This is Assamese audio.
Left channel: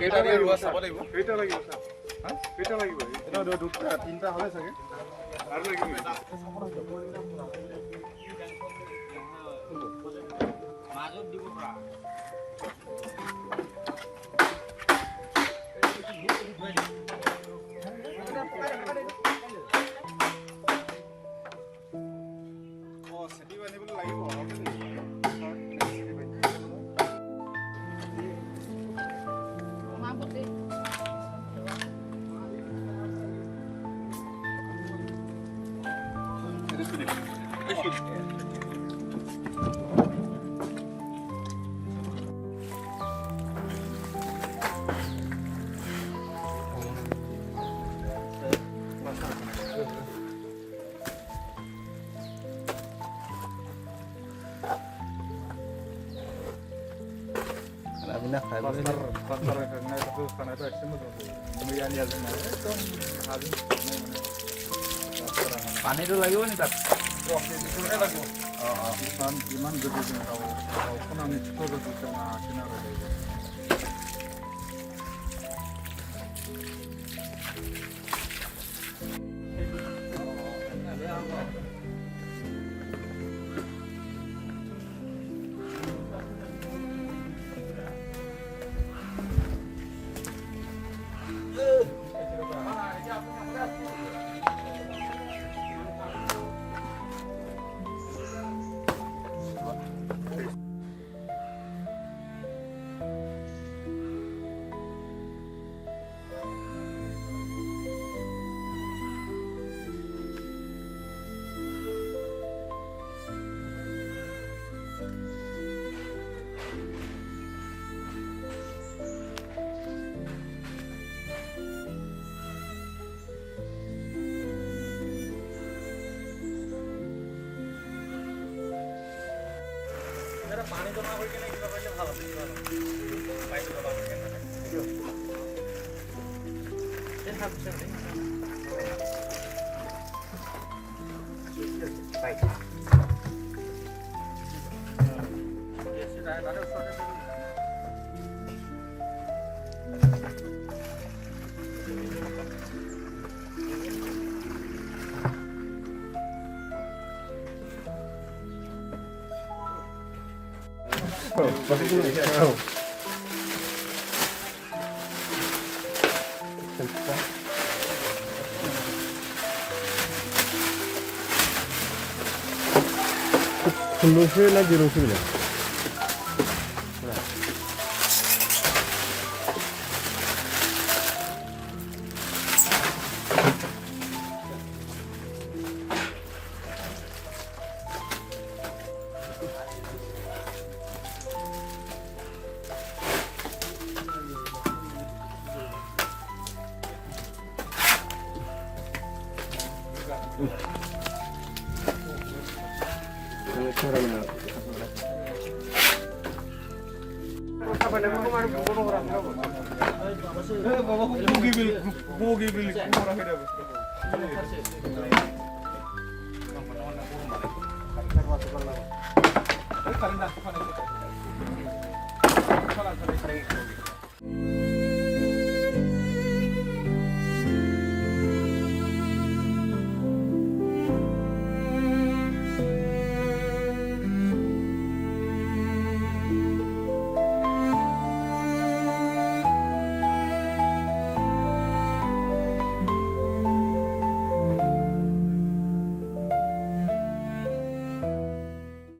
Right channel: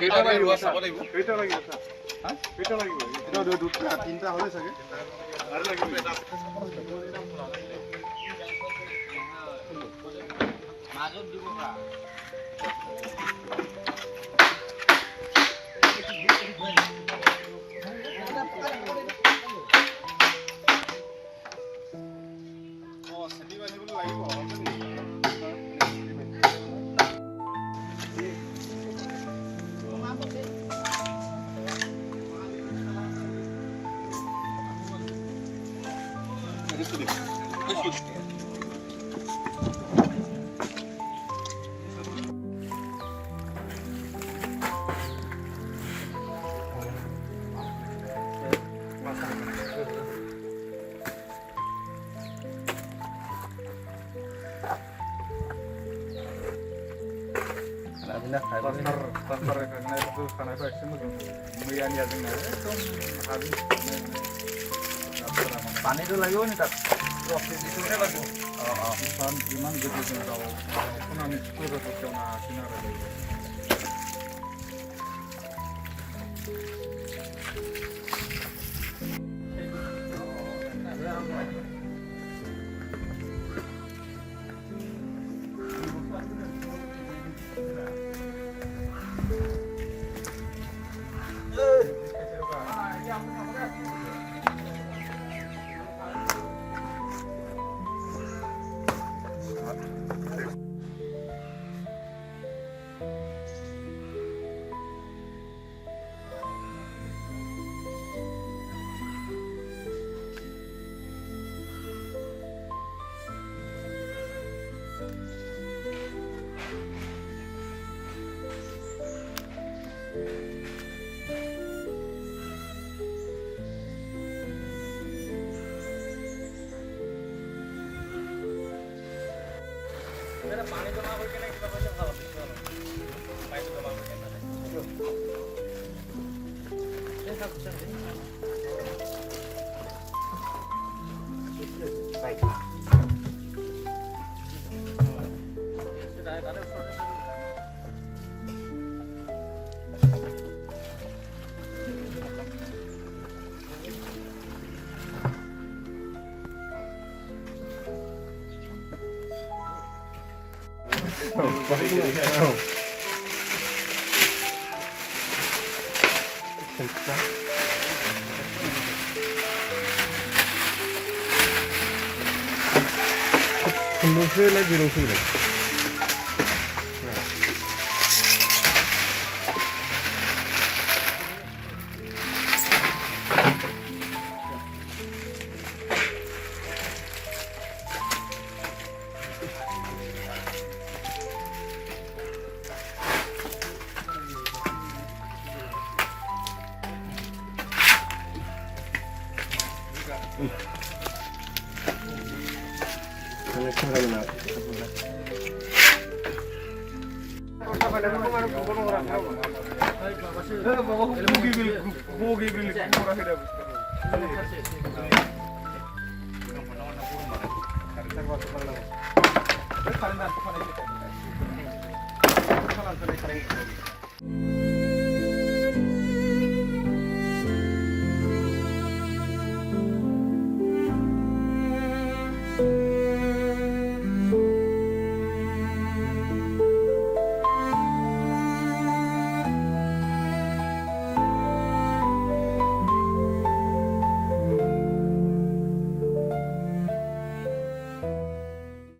কেইটা ৰোৱা চাব লাগিব কেইটা লাগিব স্যাৰ হা কেইটা লাগিব এটা দুটা তিনটা হয় চাগে আৰু লাগিব মাজত দিব পৰা পানীটো লাগিব নি তাত ইমান যদি পানী জমা কৰি কেনে কিবা কৰিলে ভাল আছে পানীটো জমা কৰি কেনে Khundungnya lagi rusuh lagi. Terima kasih.